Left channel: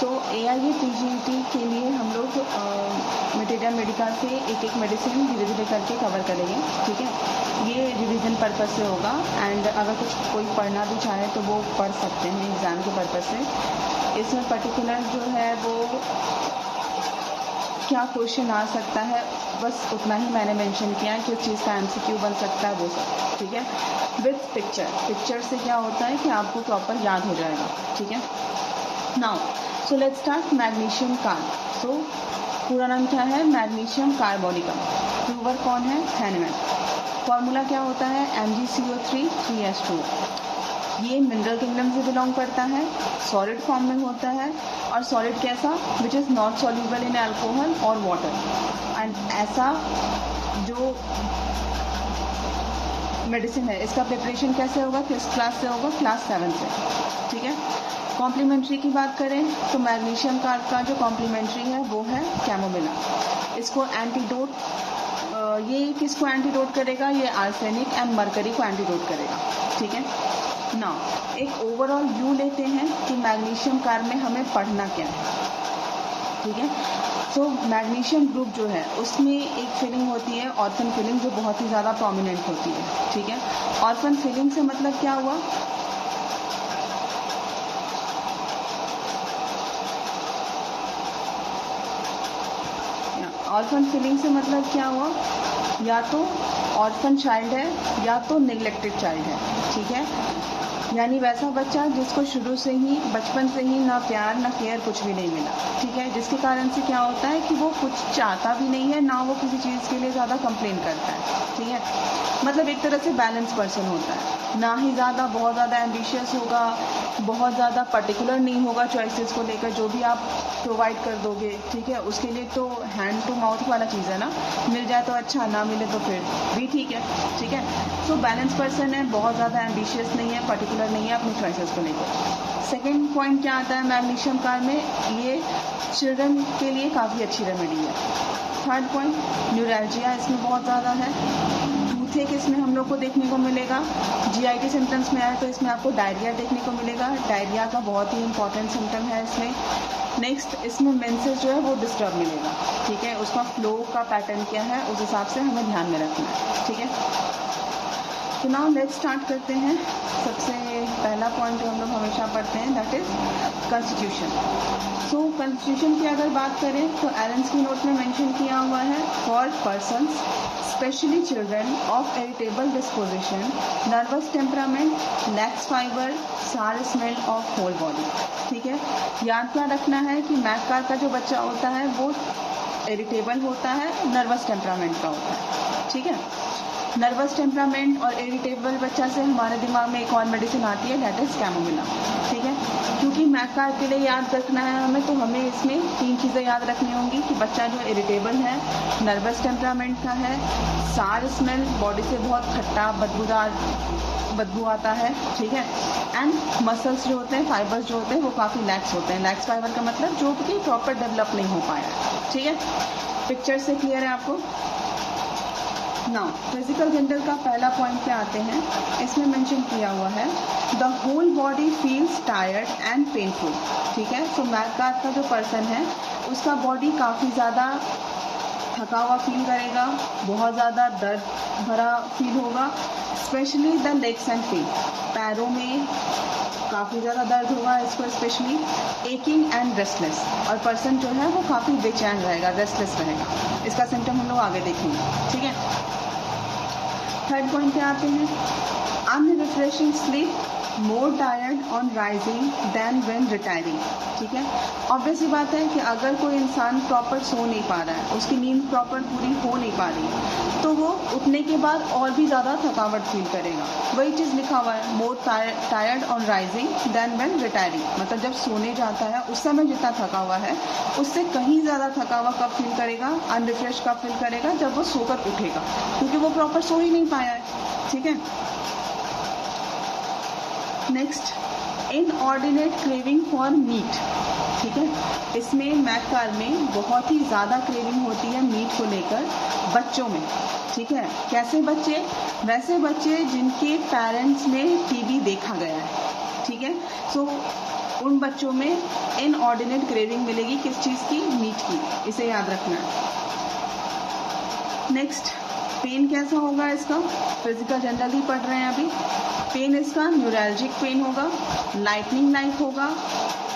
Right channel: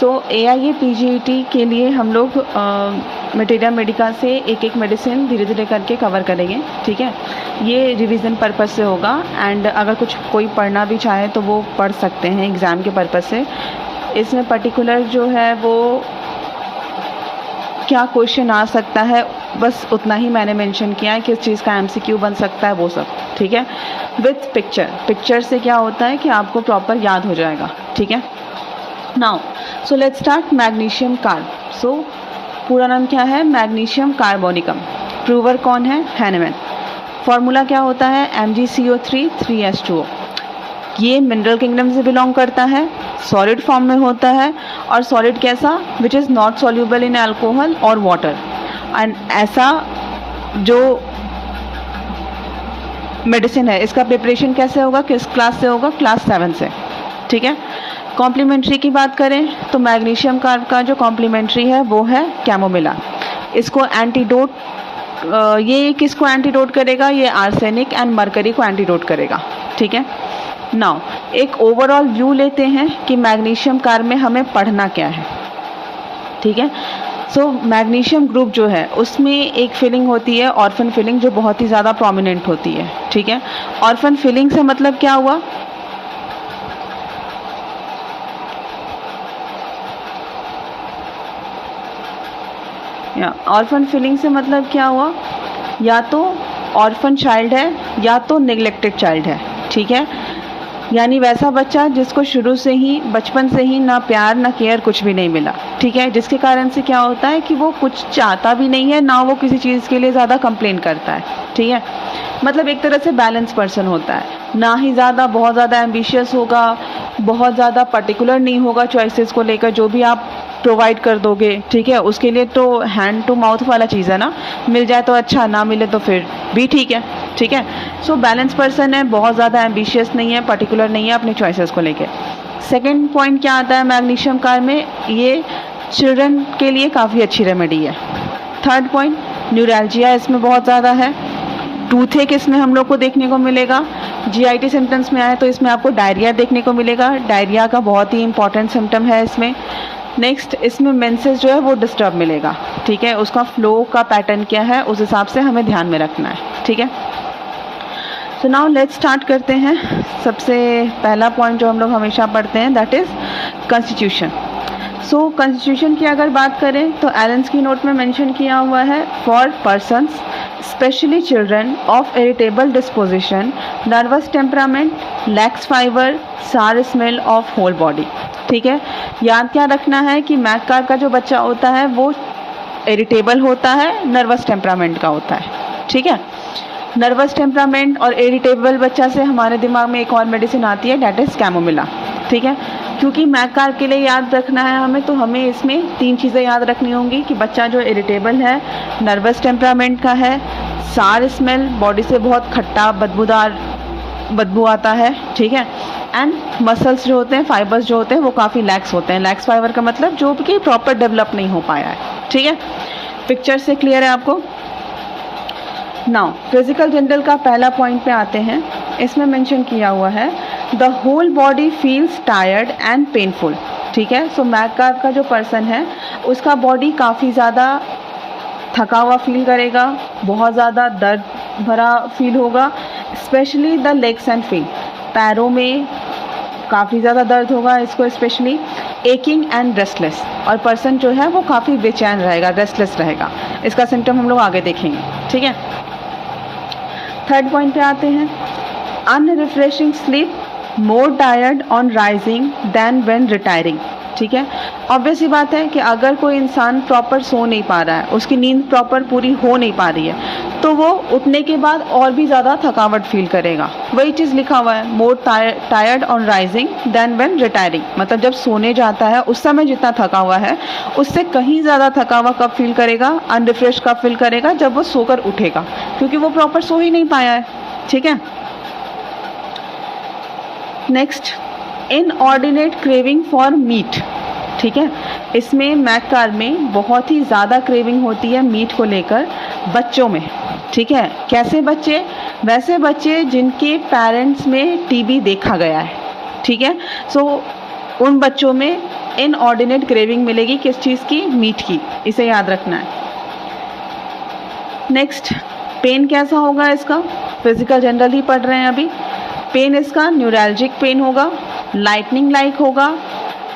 सो AIA PGET के लिए हम लोग मटेरिया मेडिका से एक एक मेडिसिन धीरे धीरे करके कवर करेंगे, ठीक है। ये रिवीजन पर्पस से होगा एंड अगर कुछ कोई पढ़ना भी चाहे तो वो पढ़ सकते हैं एग्ज़ाम के पर्पस से। इसमें पर्टिकुलर जो है वो क्या क्वेश्चन आ सकता है बस उतना ही मैंने मेंशन किया है कि उस चीज़ का MCQ बन सकता है वो सब, ठीक है। विथ पिक्चर से क्या होता है कि आपको प्रॉपर याद हो जाएगा, ठीक है। Now so let's start magnesium carb. So पूरा नाम क्या है? Magnesium carbonicum. प्रूवर कौन है? हैनमैन। फॉर्मूला क्या होता है? MgCO3 3H2O। ये मिनरल किंगडम से बिलोंग करता है, सॉलिड फॉर्म में होता है और सॉलिड कैसा? Which is not soluble in alcohol और वाटर। एंड ऐसा जो मेडिसिन है इसका प्रिपरेशन कैसे होगा, किस क्लास से होगा? क्लास 7 से, ठीक है। कॉम्प्लीमेंट्री की बात करें तो मैग्नीशियम कार्ब का जो कॉम्प्लीमेंट्री है वो है कैमोमिला। इसको एंटीडोट, ये किसको एंटीडोट करेगा? ये आर्सेनिक एंड मरकरी को एंटीडोट करेगा, ठीक है। नाउ एक ओवरऑल व्यू लेते हैं कि मैग्नीशियम कार्ब में हमें पढ़ना क्या है, ठीक है। सो मैग्नीशियम ग्रुप जो है उसमें एक फीलिंग होती है ऑर्फन फीलिंग, जो बहुत ही ज़्यादा प्रोमिनेंट होती है, ठीक है। ऑर्फन फीलिंग से मतलब क्या हुआ? ऑर्फन फीलिंग से मतलब क्या हुआ? या तो ऑर्फन चाइल्ड है या तो नेग्लेक्टेड चाइल्ड है, ठीक है। यानी वैसा बच्चा जिसको शुरू से ही बचपन से ही ना प्यार ना केयर कुछ भी नहीं मिला, ठीक है। जिसके कारण से क्या होता है कि वो कुछ चाहता भी नहीं है, ना वो किसी चीज़ के लिए ज़्यादा कंप्लेन करता है, ठीक है। मतलब एक तरह से बैलेंस पर्सन होता है, ना ही ज़्यादा बहुत ज़्यादा एम्बिशियस होगा, बहुत ज़्यादा पर्टिकुलर नहीं होगा चॉइसेस को लेकर। जो भी आप प्रोवाइड कर दोगे, ठीक है, उसके लिए तो हैंड टू माउथ वाला चीज़ है ना, मिल जाए तो अच्छा, ना मिले तो फिर भी ठीक है, ठीक है। सो बैलेंस पर्सन है, बहुत ज़्यादा एम्बिशियस नहीं है, पर्टिकुलर नहीं है अपनी चॉइसेस को लेकर। सेकेंड पॉइंट क्या आता है मैग्नीशियम कार्ब में? ये चिल्ड्रन के लिए काफ़ी अच्छी रेमेडी है। थर्ड पॉइंट, न्यूरैल्जिया इसमें बहुत ज़्यादा है। टूथेक इसमें हम लोग को देखने को मिलेगा। GIT सिम्टम्स में आए तो इसमें आपको डायरिया देखने को मिलेगा। डायरिया का बहुत ही इंपॉर्टेंट सिम्टम है इसमें। नेक्स्ट, इसमें मेंसेस जो है वो डिस्टर्ब मिलेगा, ठीक है। उसका फ्लो का पैटर्न क्या है उस हिसाब से हमें ध्यान में रखना है, ठीक है। तो नाउ लेट्स स्टार्ट करते हैं। सबसे पहला पॉइंट जो हम लोग हमेशा पढ़ते हैं that is constitution. So constitution की अगर बात करें तो एलेंस की नोट में मेंशन किया हुआ है for persons specially children of irritable disposition, nervous temperament, lakhs fibre, सार स्मेल ऑफ होल बॉडी, ठीक है। याद क्या रखना है कि मैक कार्ब का जो बच्चा होता है वो इरिटेबल होता है, नर्वस टेम्परामेंट का होता है, ठीक है। नर्वस टेम्परामेंट और इरिटेबल बच्चा से हमारे दिमाग में एक और मेडिसिन आती है दैट इज़ कैमोमिला, ठीक है। क्योंकि मैक कार्ब के लिए याद रखना है हमें, तो हमें इसमें 3 चीज़ें याद रखनी होंगी कि बच्चा जो इरिटेबल है, नर्वस टेम्परामेंट का है, सार स्मेल, बॉडी से बहुत खट्टा बदबूदार बदबू आता है, ठीक है। एंड मसल्स जो होते हैं, फाइबर्स जो होते हैं वो काफ़ी लैक्स होते हैं। लैक्स फाइबर का मतलब जो कि प्रॉपर डेवलप नहीं हो पाया है, ठीक है। पिक्चर से क्लियर है आपको? नाउ फिजिकल जनरल का पहला पॉइंट पे आते हैं। इसमें मेंशन किया हुआ है the whole body feels tired and painful, ठीक है। सो मैक कार्ब का जो पर्सन है उसका बॉडी काफ़ी ज़्यादा थका हुआ फील करेगा, बहुत ज़्यादा दर्द भरा फील होगा, specially the legs and feet, पैरों में काफ़ी ज़्यादा दर्द होगा इसको स्पेशली। एकिंग एंड रेस्टलेस, और पर्सन जो है वो काफ़ी बेचैन रहेगा, रेस्टलेस रहेगा। इसका सिम्टम हम लोग आगे देखेंगे, ठीक है। थर्ड पॉइंट पे आते हैं, unrefreshing sleep, more tired on rising than when retiring, ठीक है। ऑब्वियस ही बात है कि अगर कोई इंसान प्रॉपर सो नहीं पा रहा है, उसकी नींद प्रॉपर पूरी हो नहीं पा रही है, तो वो उठने के बाद और भी ज़्यादा थकावट फील करेगा। वही चीज़ लिखा हुआ है, more tired on rising than when retiring, मतलब जब सोने जाता है उस समय जितना थका हुआ है उससे कहीं ज़्यादा थका हुआ कब फील करेगा, अनरिफ्रेश कब फील करेगा, जब वो सोकर उठेगा, क्योंकि वो प्रॉपर सो ही नहीं पाया है, ठीक है। Next, inordinate craving for meet, ठीक है। इसमें मैक कार्ब में बहुत ही ज़्यादा क्रेविंग होती है मीट को लेकर बच्चों में, ठीक है। कैसे बच्चे? वैसे बच्चे जिनके पेरेंट्स में TB देखा गया है, ठीक है। सो उन बच्चों में इनऑर्डिनेट क्रेविंग मिलेगी, किस चीज़ की? मीट की। इसे याद रखना है। नेक्स्ट, पेन कैसा होगा इसका? फिजिकल जनरल ही पढ़ रहे हैं अभी। पेन इसका न्यूरैल्जिक पेन होगा, लाइटनिंग लाइक होगा,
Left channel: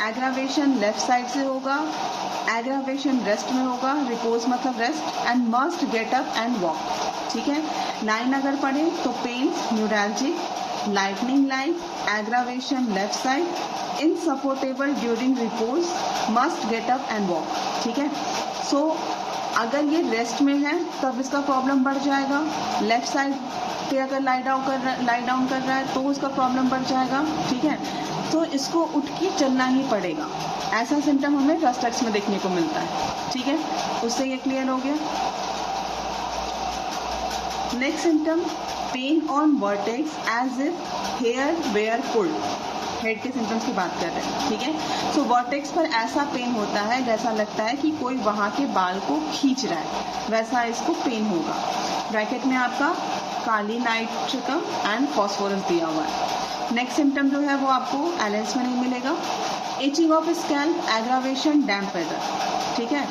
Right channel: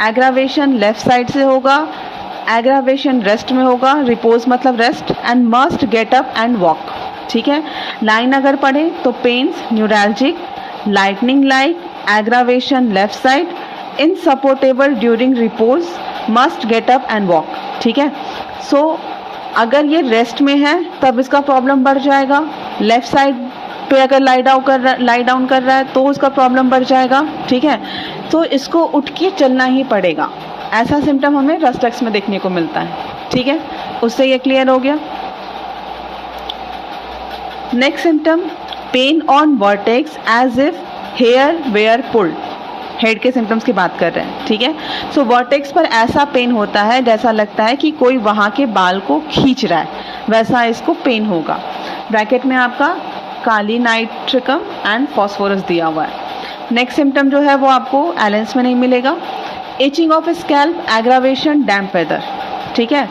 एग्रावेशन लेफ्ट साइड से होगा, एग्रावेशन रेस्ट में होगा, रिपोज मतलब rest, and must get up and walk. ठीक है, लाइन अगर पढ़े तो pains neuralgic, lightning like, aggravation left side, insupportable during repose, must get up and walk. ठीक है, सो अगर ये रेस्ट में है तब इसका प्रॉब्लम बढ़ जाएगा, लेफ्ट साइड पे अगर लाई डाउन कर रहा है तो उसका प्रॉब्लम बढ़ जाएगा। ठीक है, तो इसको उठ के चलना ही पड़ेगा। ऐसा सिम्टम हमें रस्टक्स में देखने को मिलता है। ठीक है, उससे ये क्लियर हो गया। Next symptom, pain on vertex as if hair were pulled. Head के सिम्टम्स की बात कर रहे हैं। ठीक है, सो वर्टेक्स पर ऐसा पेन होता है जैसा लगता है कि कोई वहाँ के बाल को खींच रहा है, वैसा इसको पेन होगा। ब्रैकेट में आपका काली नाइट्रिकम एंड फॉस्फोरस दिया हुआ है। नेक्स्ट सिम्टम जो है वो आपको एलेंस में नहीं मिलेगा। Itching of scalp, aggravation, damp weather. ठीक है,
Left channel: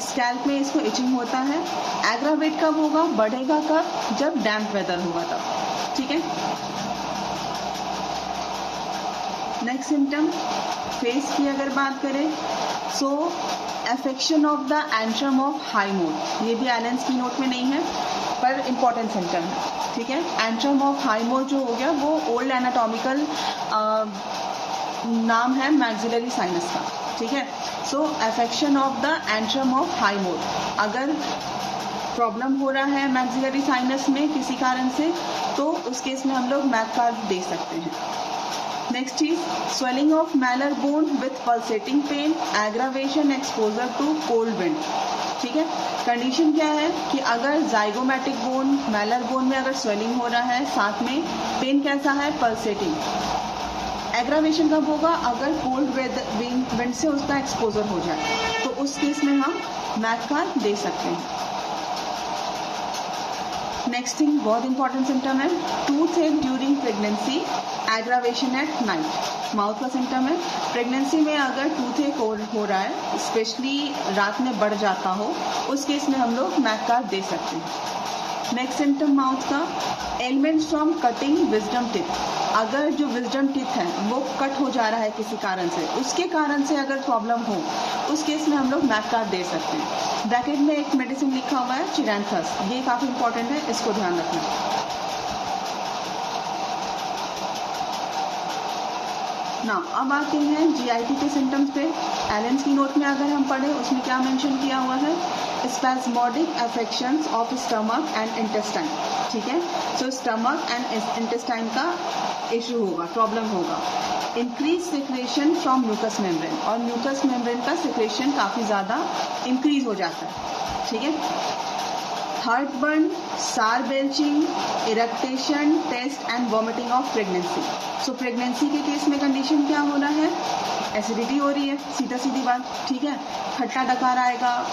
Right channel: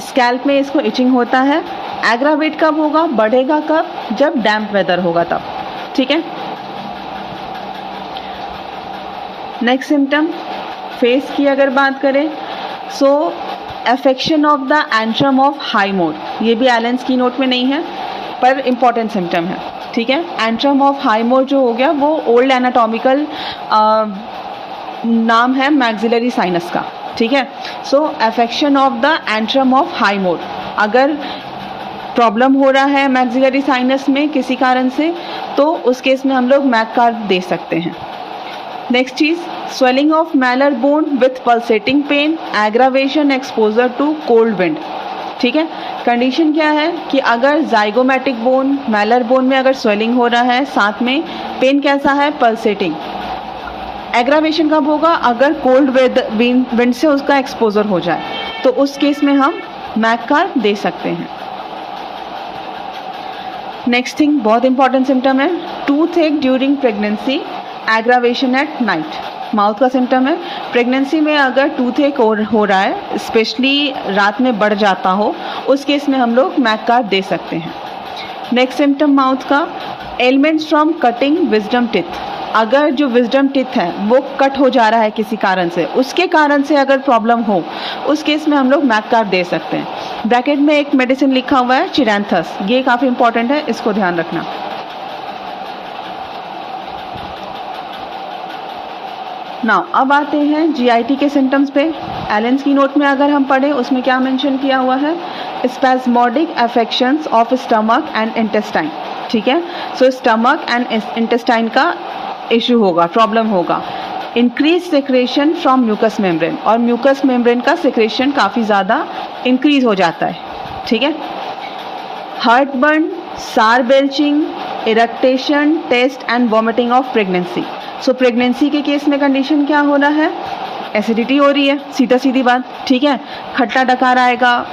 स्कैल्प में इसको इचिंग होता है। एग्रावेट कब होगा, बढ़ेगा कब? जब डैम्प वेदर होगा तब। ठीक है, नेक्स्ट सिम्टम, फेस की अगर बात करें, so affection of the antrum of Highmore. ये भी एलेंस की नोट में नहीं है पर इम्पॉर्टेंट सिम्टम है। ठीक है, एंट्रम ऑफ हाई मोड जो हो गया वो ओल्ड एनाटॉमिकल नाम है मैक्सिलरी साइनस का। ठीक है, so affection of the antrum of Highmore, अगर प्रॉब्लम हो रहा है मैक्सिलरी साइनस में किसी कारण से तो उस केस में हम लोग मैक कार्ड दे सकते हैं। नेक्स्ट चीज, swelling of malar bone with pulsating pain, aggravation exposure to cold wind. ठीक है, कंडीशन क्या है कि अगर जाइगोमेटिक बोन, मैलर बोन में अगर स्वेलिंग हो रहा है, साथ में पेन कैसा है? पल्सेटिंग। एग्रावेशन कब होगा? अगर कोल्ड विंड से उसका एक्सपोजर हो जाए, तो उस केस में हम मैक कार्ड दे सकते हैं। नेक्स्ट थिंग, बहुत इंपॉर्टेंट सिम्टम है, टूथ एक during pregnancy, aggravation at night. Mouth का सिम्टम है, प्रेगनेंसी में अगर टूथ एक हो रहा है, स्पेशली रात में बढ़ जाता हो, उस केस में हम लोग मैक कार्ड दे सकते हैं। नेक्स्ट सिम्टम माउथ का, elements from cutting wisdom teeth. अगर जो विजडम टिथ है वो कट हो जा रहा है किसी कारण से, उसके कारण से अगर प्रॉब्लम हो, उस केस में हम लोग मैक कार्ड दे सकते हैं। ब्रैकेट में एक मेडिसिन लिखा हुआ है चिरैंथस, ये काफ़ी इंपॉर्टेंट है, इसको ध्यान रखना। नाउ अब आते हैं जीआईटी के सिम्टम्स पे। एलेंस की नोट में अगर हम पढ़ें उसमें क्या मेंशन किया हुआ है? Spasmodic affections of stomach and intestine. ठीक है, सो स्टमक एंड इंटेस्टाइन का इशू होगा, प्रॉब्लम होगा। Increase secretion from mucus membrane, और म्यूकस मेम्ब्रेन का सिक्रेशन काफ़ी ज़्यादा इंक्रीज हो जाता है। ठीक है, heartburn, sour belching, eructation, taste and vomiting of pregnancy. So pregnancy के केस में कंडीशन क्या हो रहा है? एसिडिटी हो रही है, सीधा सीधी बात। ठीक है, खट्टा डकार आएगा,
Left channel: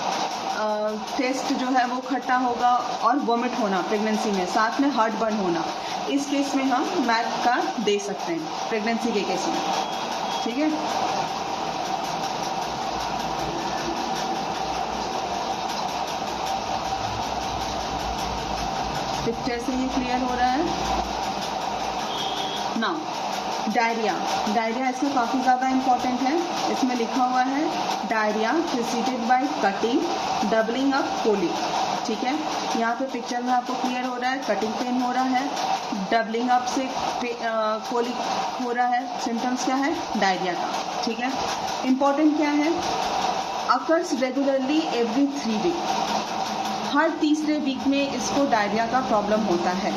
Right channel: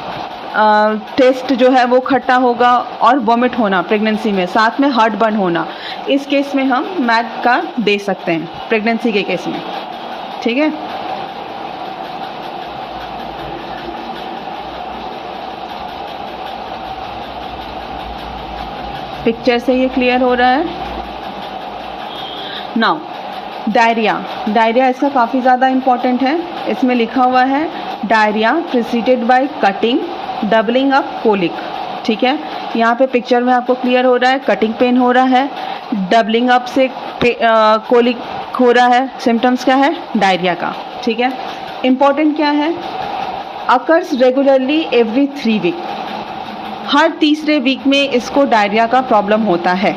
टेस्ट जो है वो खट्टा होगा, और वॉमिट होना प्रेगनेंसी में, साथ में हार्ट बर्न होना। इस केस में हम मैक कार्ड दे सकते हैं प्रेगनेंसी के केस में। ठीक है, पिक्चर से ये क्लियर हो रहा है। नाउ डायरिया, डायरिया इसका काफ़ी ज़्यादा इम्पॉर्टेंट है। इसमें लिखा हुआ है diarrhoea preceded by cutting, doubling up, colic. ठीक है, यहाँ पे पिक्चर में आपको क्लियर हो रहा है, कटिंग पेन हो रहा है, डबलिंग अप से कोलिक हो रहा है। सिम्टम्स क्या है? डायरिया का। ठीक है, इम्पॉर्टेंट क्या है? अकर्स रेगुलरली एवरी 3 वीक, हर तीसरे वीक में इसको डायरिया का प्रॉब्लम होता है।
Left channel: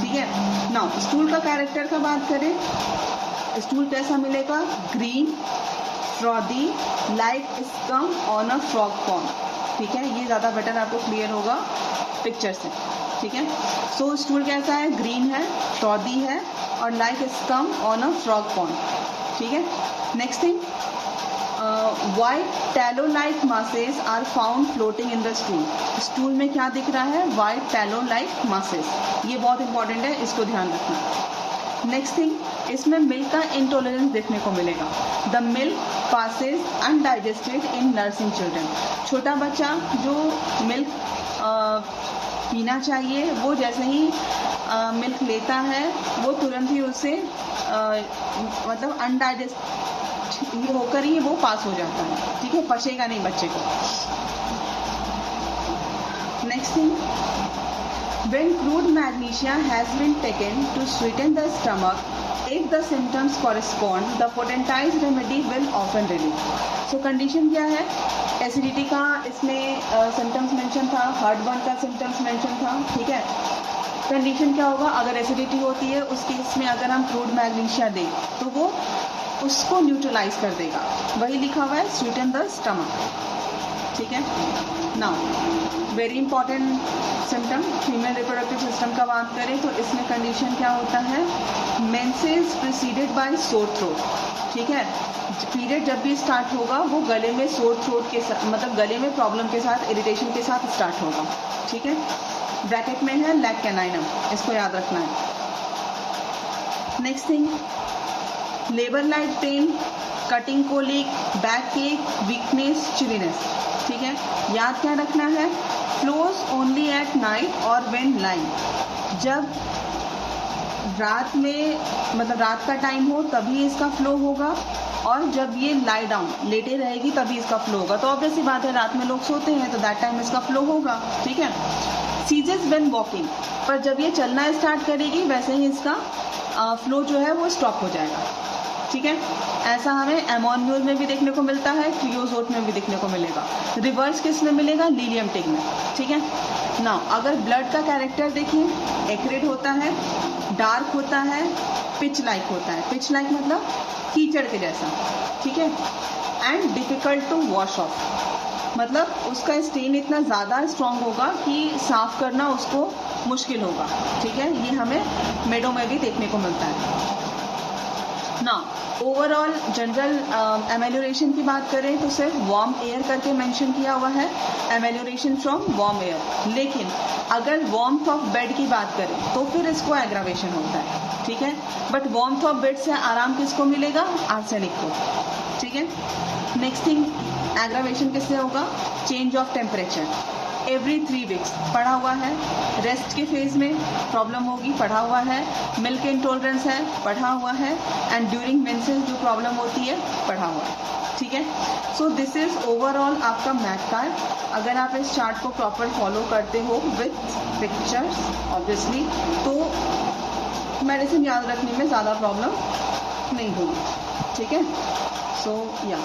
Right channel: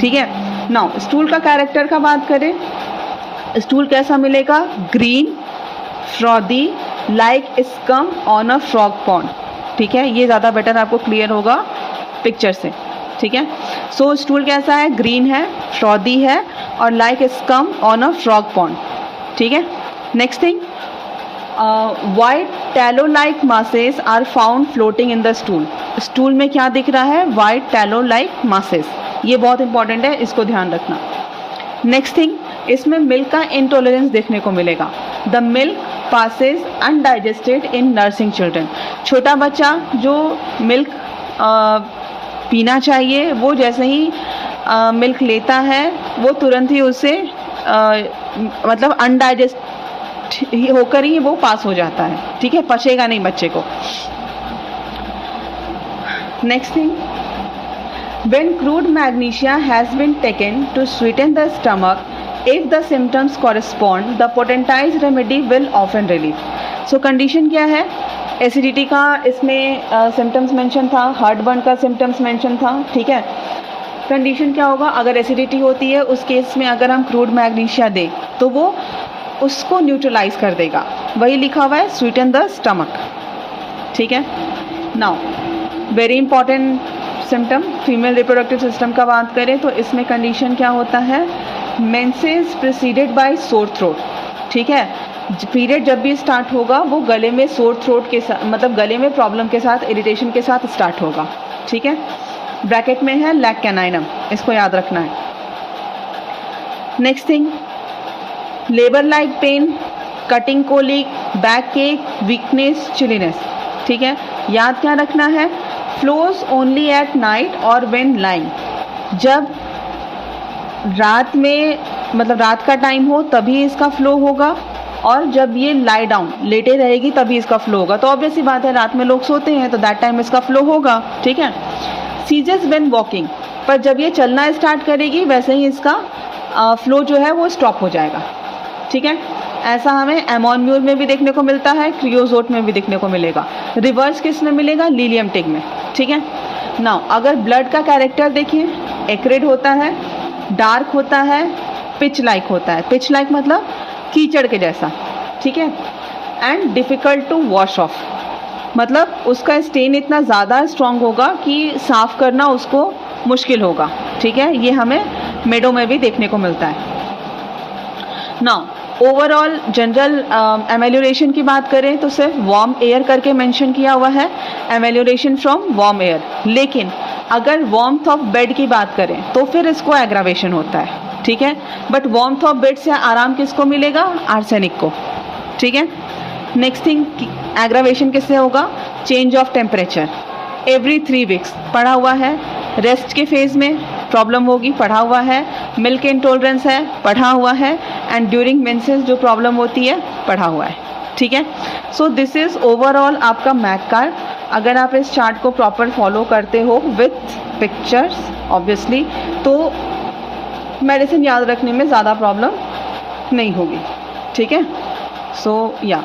ठीक है, नाउ स्टूल का कैरेक्टर का बात करें, स्टूल कैसा मिलेगा? Green, frothy, like scum on a frog pond. ठीक है, ये ज़्यादा बेटर आपको क्लियर होगा पिक्चर से। ठीक है, सो स्टूल कैसा है? ग्रीन है, फ्रॉदी है, और like scum on a frog pond. ठीक है, next thing, white tallow like masses are found floating in the stool. Stool में क्या दिख रहा है? White tallow like masses. ये बहुत इंपॉर्टेंट है, इसको ध्यान रखना। नेक्स्ट थिंग, इसमें मिल्क का इंटॉलरेंस देखने को मिलेगा। The milk passes undigested in nursing children. छोटा बच्चा जो मिल्क पीना चाहिए वो जैसे ही मिल्क लेता है वो तुरंत ही उसे मतलब अनडाइजेस्ट होकर ही वो पास हो जाता है, ठीक है, पचेगा नहीं बच्चे को। Next thing, when crude magnesia has been taken to sweeten the stomach, if the symptoms correspond, the potentized remedy will often relieve. So condition क्या है? एसिडिटी का इसमें सिम्टम्स मेंशन था, हार्ट बर्न का सिम्टम्स मेंशन था, ठीक है। Condition क्या होगा? अगर एसिडिटी होती है उस केस में अगर हम क्रूड मैग्नीशिया दें तो वो उसको न्यूट्रलाइज कर देगा। वही लिखा हुआ है, स्वीटन द स्टमक, ठीक है। Now very important symptom, female reproductive system का बात करें तो इसमें कंडीशन क्या होता है? Menses preceded by sore throat, ठीक है। पीरियड जब भी स्टार्ट होगा वो गले में सोर थ्रोट के साथ, मतलब गले में प्रॉब्लम के साथ, इरिटेशन के साथ स्टार्ट होगा, ठीक है। ब्रैकेट में है लैक कैनाइनम, इसको याद रखना है। Next thing, labour like pain, cutting colic, back ache, weakness, chilliness, ठीक है। याद क्या रखना है? फ्लोज ओनली एट नाइट और व्हेन लाइंग। जब रात में मतलब रात का टाइम हो तभी इसका फ्लो होगा, और जब ये लाई डाउन लेटे रहेगी तभी इसका फ्लो होगा। तो ऑब्वियस सी बात है, रात में लोग सोते हैं तो दैट टाइम इसका फ्लो होगा, ठीक है। सीजेस व्हेन वॉकिंग, पर जब ये चलना स्टार्ट करेगी वैसे ही इसका फ्लो जो है वो स्टॉप हो जाएगा, ठीक है। ऐसा हमें एमोन्यूर में भी देखने को मिलता है, क्रियोजोट में भी देखने को मिलेगा। रिवर्स किस में मिलेगा? लीलियम टिग में, ठीक है। नाउ अगर ब्लड का कैरेक्टर देखिए, एक्रिड होता है, डार्क होता है, पिच लाइक होता है। पिच लाइक मतलब कीचड़ के जैसा, ठीक है। And difficult to wash off, मतलब उसका स्टेन इतना ज़्यादा स्ट्रॉन्ग होगा कि साफ़ करना उसको मुश्किल होगा, ठीक है। ये हमें मेडो में भी देखने को मिलता है। नाउ ओवरऑल जनरल एमेल्योरेशन की बात करें तो सिर्फ वार्म एयर करके मेंशन किया हुआ है, एमेल्योरेशन फ्रॉम वार्म एयर। लेकिन अगर वार्मथ ऑफ बेड की बात करें तो फिर इसको एग्रावेशन होता है, ठीक है। बट वार्मथ ऑफ बेड से आराम किसको मिलेगा? आर्सेनिक को, ठीक है। नेक्स्ट थिंग, एग्रावेशन किससे होगा? Change of temperature every 3 weeks, पढ़ा हुआ है। रेस्ट के फेज में प्रॉब्लम होगी, पढ़ा हुआ है। मिल्क इंटॉलरेंस है, पढ़ा हुआ है। एंड ड्यूरिंग मेंसेस जो प्रॉब्लम होती है, पढ़ा हुआ है, ठीक है। सो दिस इज़ ओवरऑल आपका मैथ कार्ड। अगर आप इस चार्ट को प्रॉपर फॉलो करते हो विथ पिक्चर्स ऑब्वियसली, तो मेडिसिन याद रखने में ज़्यादा प्रॉब्लम नहीं होगी, ठीक है। सो या